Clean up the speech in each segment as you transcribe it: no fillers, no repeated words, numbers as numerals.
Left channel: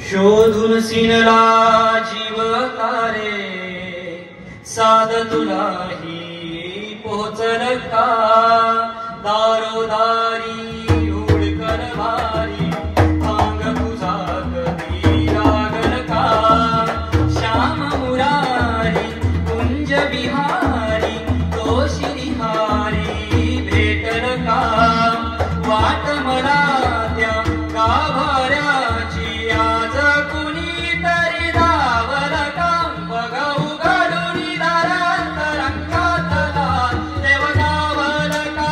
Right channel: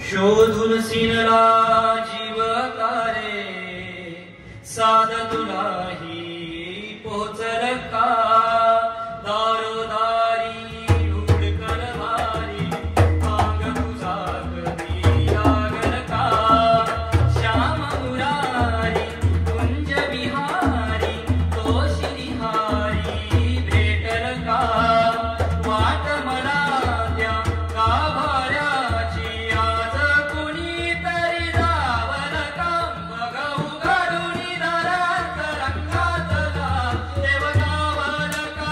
शोधून सिनला जीव तारे साध तुलाही पोचल का दारोदारी हुडकल भारी भांग तुझा कधी लागल का श्याम मुरारी कुंज विहारी तो श्रीहारी भेटल का वाट मला त्या गाभाऱ्याची आज कुणी तरी दावल का बघा उघडून दारात रंगातला देव गावल का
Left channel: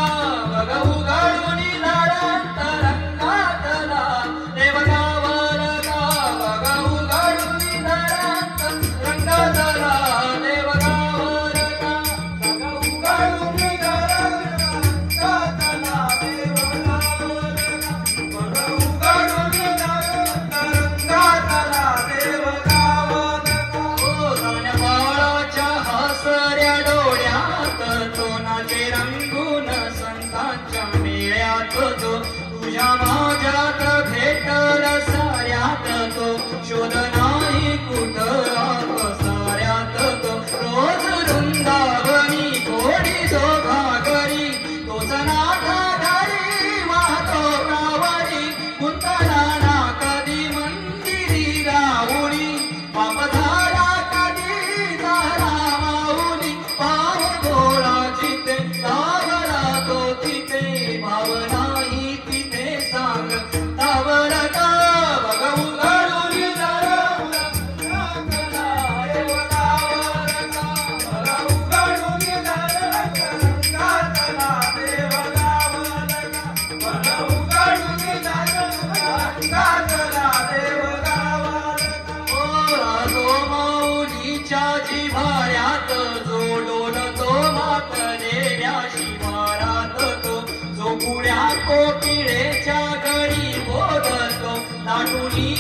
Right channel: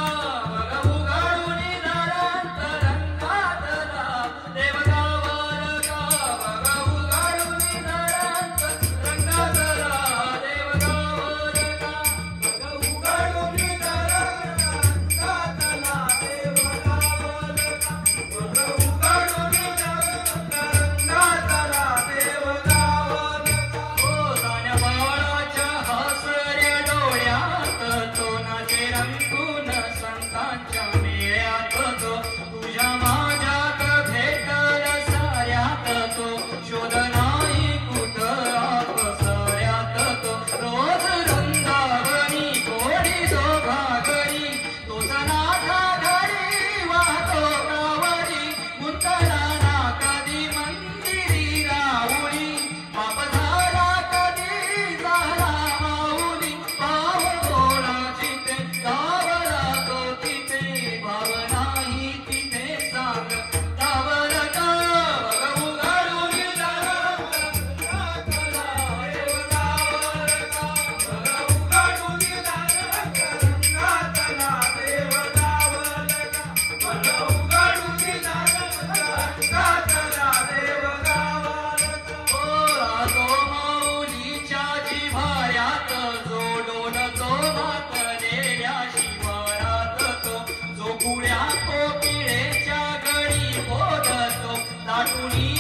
बघा उघडून दारात रंगातला देव गावल का बघा उघडून दारात रंगातला देव गावल का बघा उघडून दारात कोकिळेच्या घरी बोलतो नाटुनी